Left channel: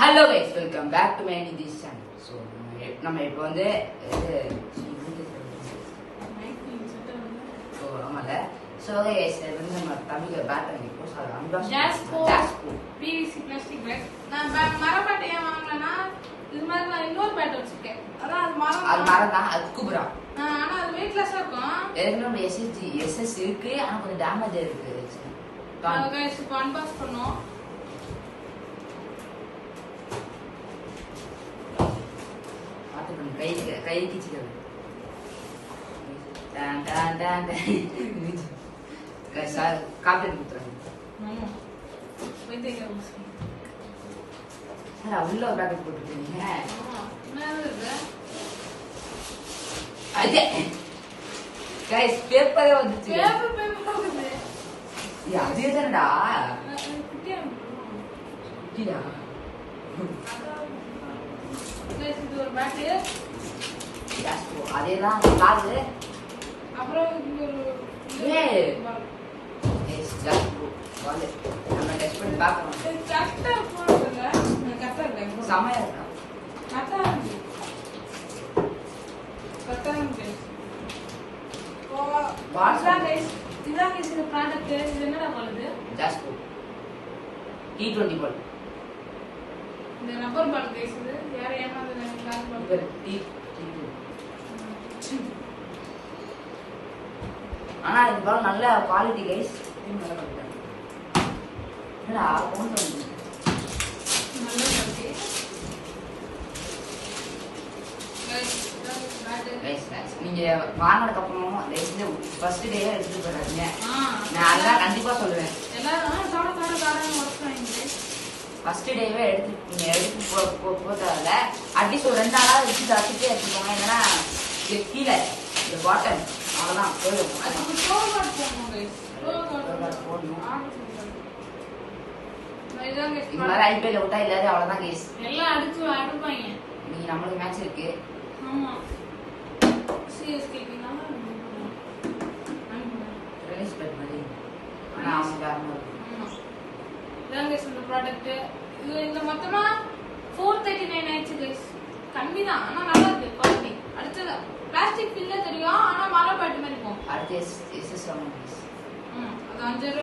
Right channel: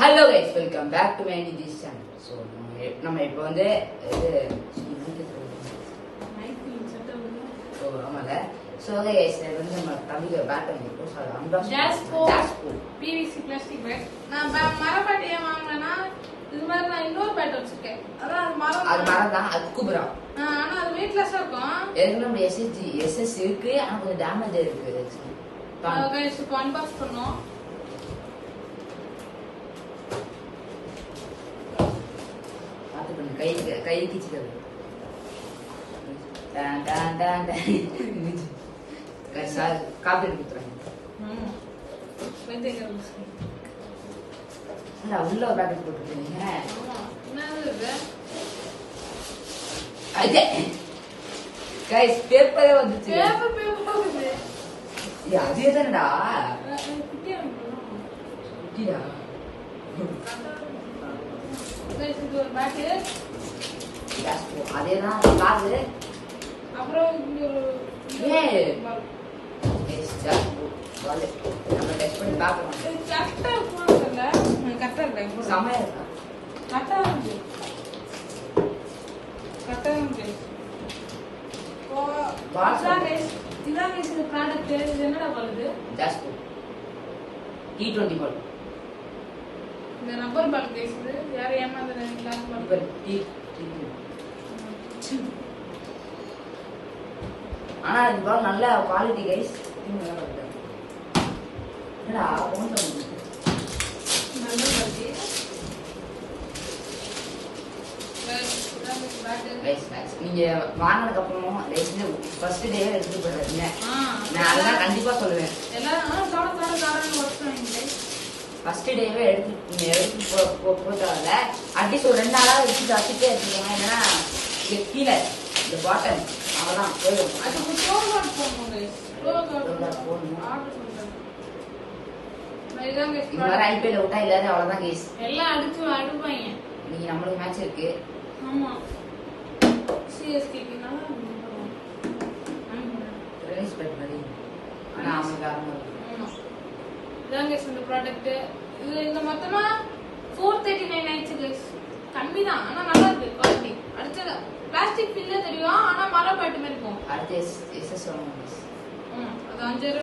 Hello guys, welcome back to my Nitish channel. So நம்ம இப்போ வந்து ஸோ ஆமால ஸோ கைஸ் வந்து நம்ம தமிழ் பேட் பண்ணிருக்கோம். So unboxing PVC plastic bag. நான் மரப்பாட்டி ஏன் வாங்கினேன்னா இது மாதிரி நான் இன்னொரு பேட் வச்சிருக்கேன். அதான் அது மரம் தான், அது குபுரா. ஆனா அது வெயிட்லெஸ்ஸா இருக்கும். ஏற்கனவே நம்ம எஸ்எஸ் இருக்கு, ஆனா கொஞ்சம் டேமேஜ் இருக்கு. கைஸ் இப்போ அன்பாக்ஸ் பண்ணோம். கை கிச்சிக்கிறது காப்பி கொடுத்துறாங்க. உள்ள ஒரு பேக்கெட் போட்டுருக்கீங்க. பேப்பரே வந்துச்சு. அதே தானடா குட்டியா ஒரு பேட்டு. அதேதான் காது. அப்புறம் நம்ம டெஸ்ட் பண்ணி பார்க்கணும். செம்மையா இருக்கா? என்னடா பண்ணுது? T20 பால். இந்த நம்பர் பால் பேசுது. யார் ஏமாந்து ஆனா இது பால் நல்ல குவாலிட்டி கைஸ். நீங்க வாங்கினதுக்கு அப்புறம் ஃபர்ஸ்ட் டே எடுத்துட்டு போயிடாதீங்க. நான் அதுதான் கண்டிப்பா சொல்லுவேன். ஃபர்ஸ்ட் டேவே எடுத்து போதால அட்லீஸ்ட் ஒரு 2 நாளா வச்சு வச்சுட்டே எடுத்துக்கோங்க. ஏன்னா கீழே இந்த பாட்டம் அவ்வளவுதான் போயிடும். இந்த மாதிரி ஐபிஎல் விட்டா எல்லாரும் அவ்வளவுதான் கேஸ். எல்லாம் அடிச்சு அனுப்பாங்க. இன்னைக்கு நம்மளுக்கு மேட்ச் இருக்கு. ஆமா சிஎஸ்கே ரிலீஸ் பண்ண மாதிரி. ஆனா அவங்க இந்த ப்ராடக்ட் இந்த மொத்தமா 439 ஆயிடுச்சு. கம்மி தான், ஆனா நல்லா இருக்கு குவாலிட்டி. அடுத்தது பிளாஸ்டிக் இல்ல தெரியும், ஆனா மரம் பாட்டு மாதிரி இருக்கும். அடுத்து அது 5